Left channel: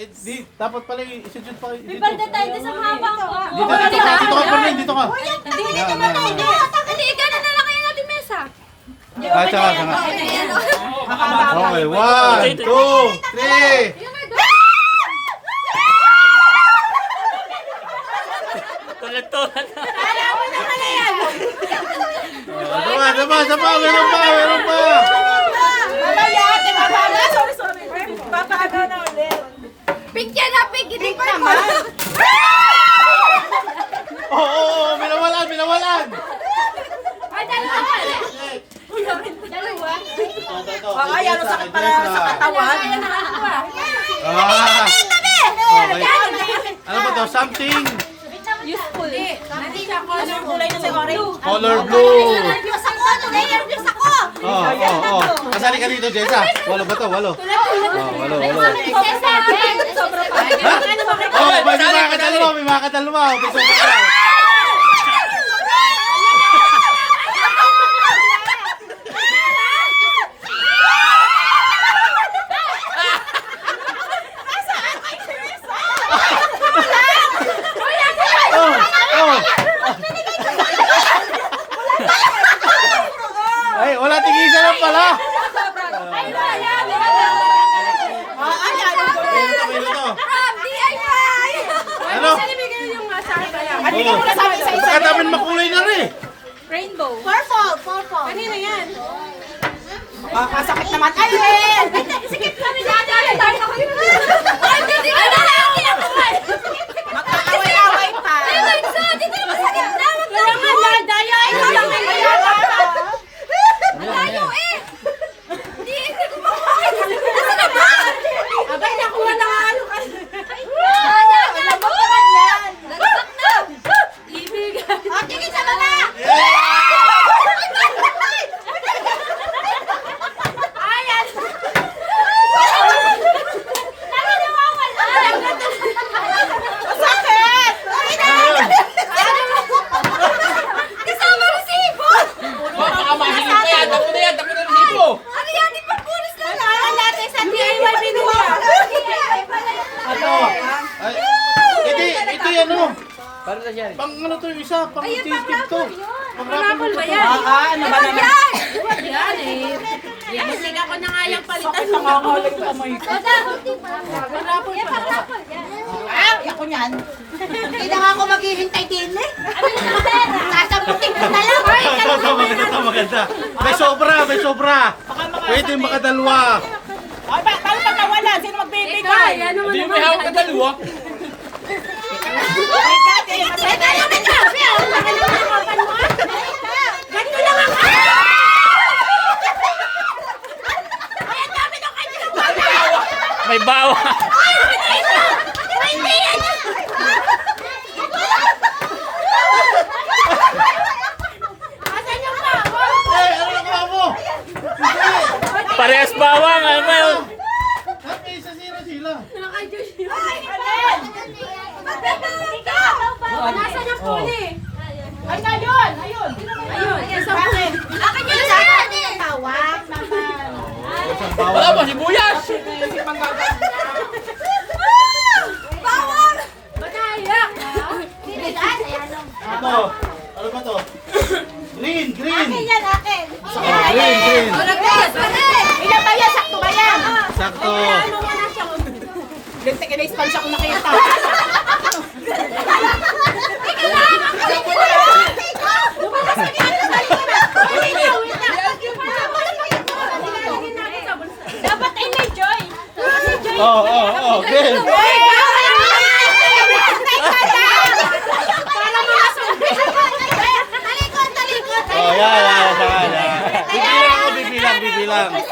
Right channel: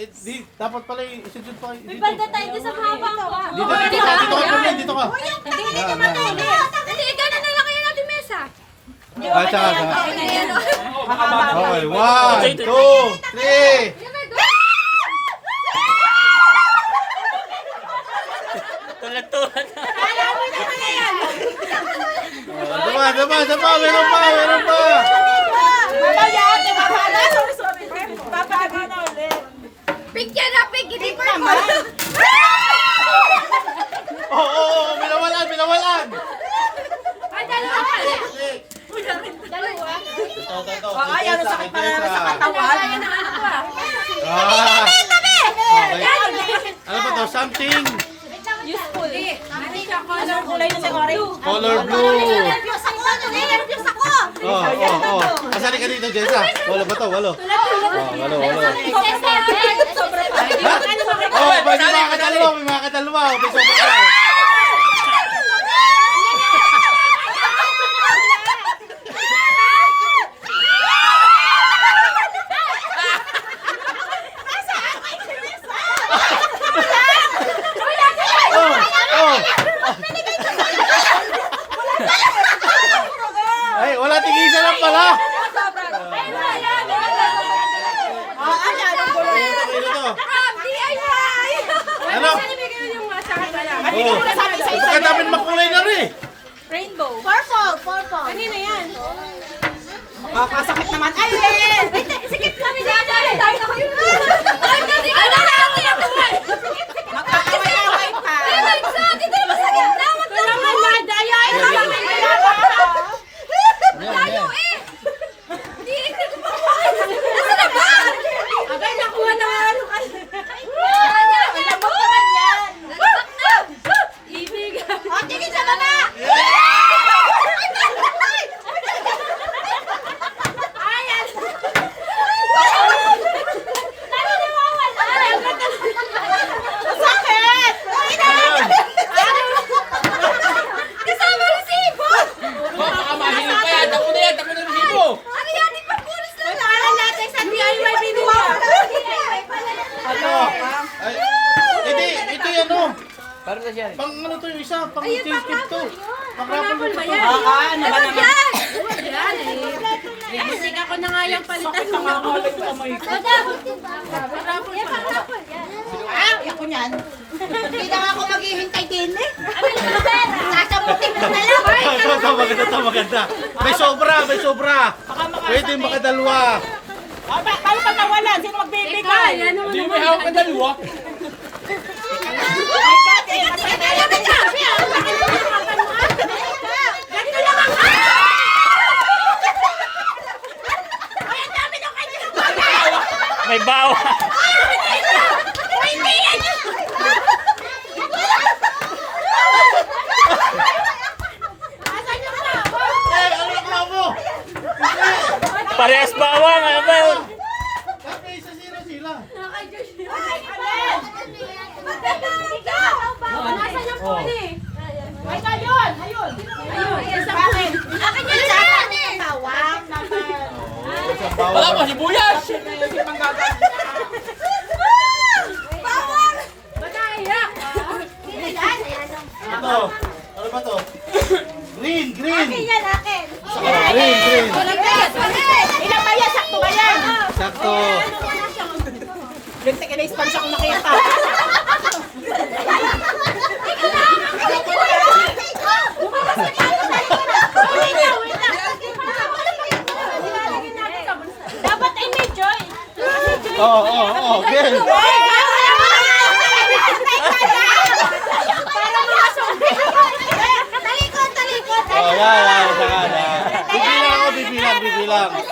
dapat pala i-shoot pa dito. May balda tayo sa mahaba ko. Dito ka, Perlin, dito ka. Hindi, gano'n na lang kayo natin mesa. Tsaka. Okay, 1, 2, 3. Tulad-tulad. Sama, meron pa. Mamaya ate, babala. Sorry. Babagaw na ulit. Pink yan na, pink. Hindi purple. Oo, minawalan. Ay, dalawa. Dalawa. Ay, ano sakit pala sa katawan. Okay. Ano ba to? Something Useful. Anong kulay na si Orange? color blue. Nervyos ako. Oo. Kasali ka dito, Jessa. Walo ba to? Walo. Walo. Sobra pa. Oh, may mga kadalawa. May sobra ka. Ay, wala tigisa lang pala. Anong kulay? Ano to? DIY! Ano? Ano yung nasabi sa isa? Baka namin makulay na rin. Rainbow. Purple. Kanina yan. Makakasakit naman. Ay, eh! Sikip kami dadali. Tayo na kayo. Ay, Magkaaway-away pa. dito naman sa gitna. Kaya nga, nadaya. Ikaw lang may mayata. Malayo eh. Hindi ko makuha. Nasa na ba? Abay, nakuha na nga. Alam mo naman yan. Nagsak na. Ibigay. Tingin sa baba. Ayan. Sakit! Kasama ko si Ibo. Ano yan? Di pang bonus lang. Alam natin sa DIY binuha. DIY pala yan. Ay, ito yan oh. Pang ano to yung isa? Pang cheesecake to. Pang raffle ba yan? Ano ba naman? Yan eh. Musik ako na nga yung palitan. Sakit ang nangaling kamay ko. Parapol pa. Parapol. Ako niyan. Hindi na nga ako maghihintay din eh. Sasabutin ko na lang. Ito maganda. May sobra. Pwede makadalwa. Ay, paano pag nawalan? Sino magbibigay? Ano mo naman? Ay, Kati, Teka lang ang sabi ah. Nakalimutan mo ah. Ganito lang ang Ay, ang dami ng kanya. May bawa. Ay, hindi yan. Asan yung bawa? Ano mo? Parehas bawang. Ano ba yun? May isa sila. Naka-Diyos yun. Nasaan yung puli? ay, ayun! Ayun! Ayun, isang puli. Akin yun sa akin. Tawag! Isang bawang. Bawang! Madaya! Ano? Ano ba to? Green. Yan, akin! Green. Ilan ba yan? Sakto ba yan? Sakto. Lintik, ina-sponge ako nakita. Dapat ay may joy. Oo. Good. Oh, yan. Bibilang. 1,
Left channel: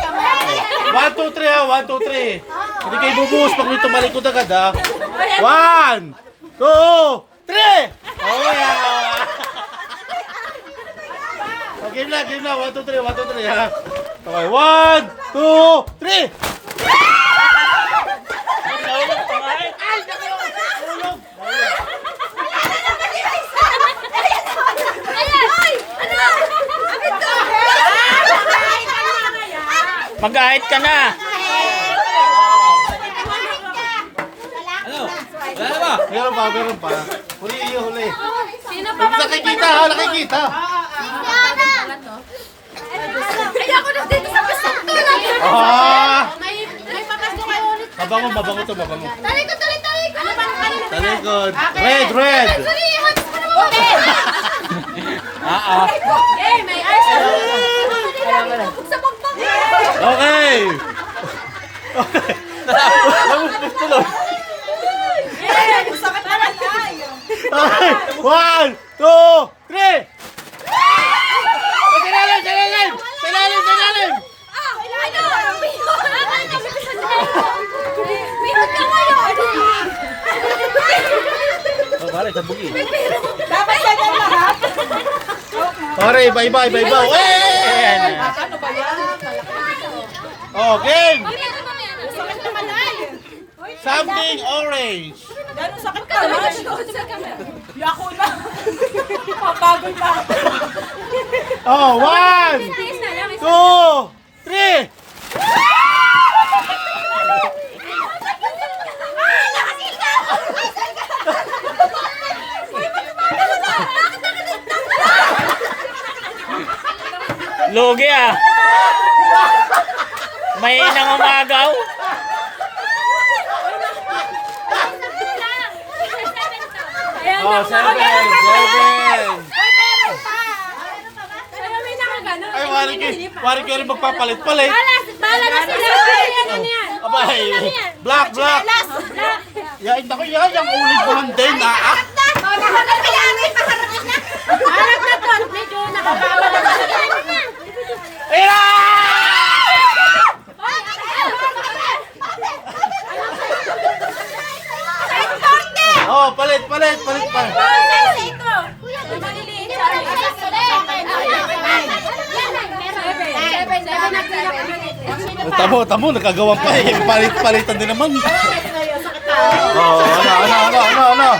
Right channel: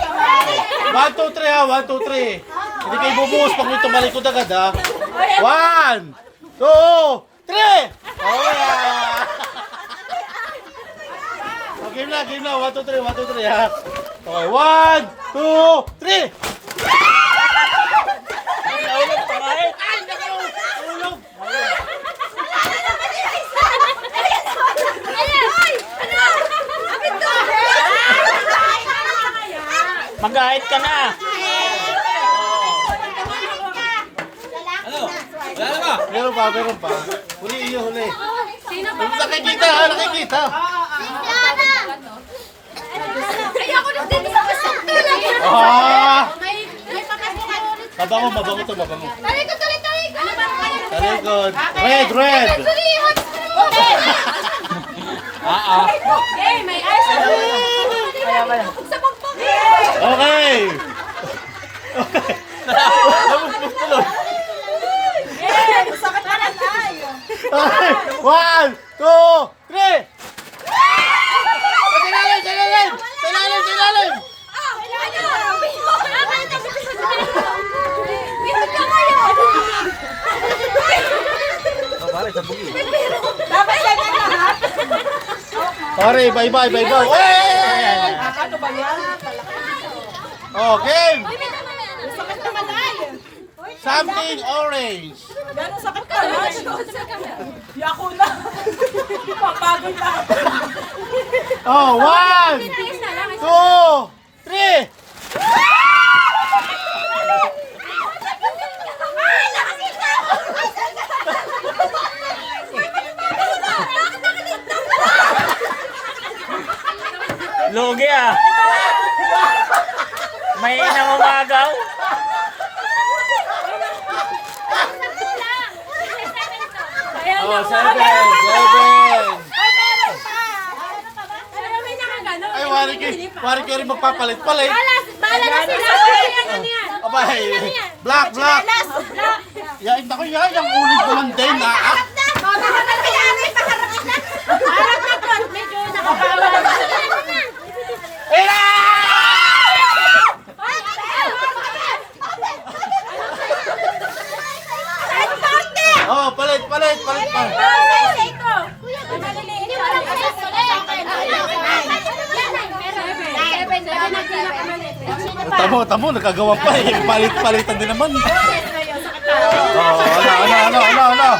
2, 3 ha. 1, 2, 3. Hindi kayo bubuhos pag may tumalikod agad ha. 1, 2, 3. Oh, yeah. Game na. 1, 2, 3 ha. Okay, 1, 2, 3. Mag-ahit ka na. Meron pa, meron pa. Huli iyo, huli. Sino pa ba? Nakikita ha, nakikita. Ay, ako na dito sa pasok lang. Ah! May papasok kayo ulit. Mabango, mabango to, mabango. Talikod. Ano ba? Talikod. Red, red. Okay, may ice. Sa bagbang. Okay. Eh, sakit na lang tayo. Okay. 1, 2, 3. Sa ilalim, sa ilalim. Sa ilalim, sa ilalim. Bihod ka ngayon. Oh, pare, sa bugi. Dapat ganyan lahat. Pare, iba-iba, iba-iba. Hey! Ano ba yan? Oh, game. Sakit naman ay. Something orange. Gano'ng sakit ka lang? Yako na. Papagod na. Oh, 1, 2, 3. Lugi ah. May inang umagaw. Oh, 7. Ay, wari ko rin magpapalit-palit. Bala na sila. Ano niyan? Abay, black. Yain na ko yan, yung ulit ko man din. Paharap na to. Medyo nakabawal na. Ira! Oh, palit pa. Tamo, nakagawa pa eh. Palit-palitan din naman. Oh, ano.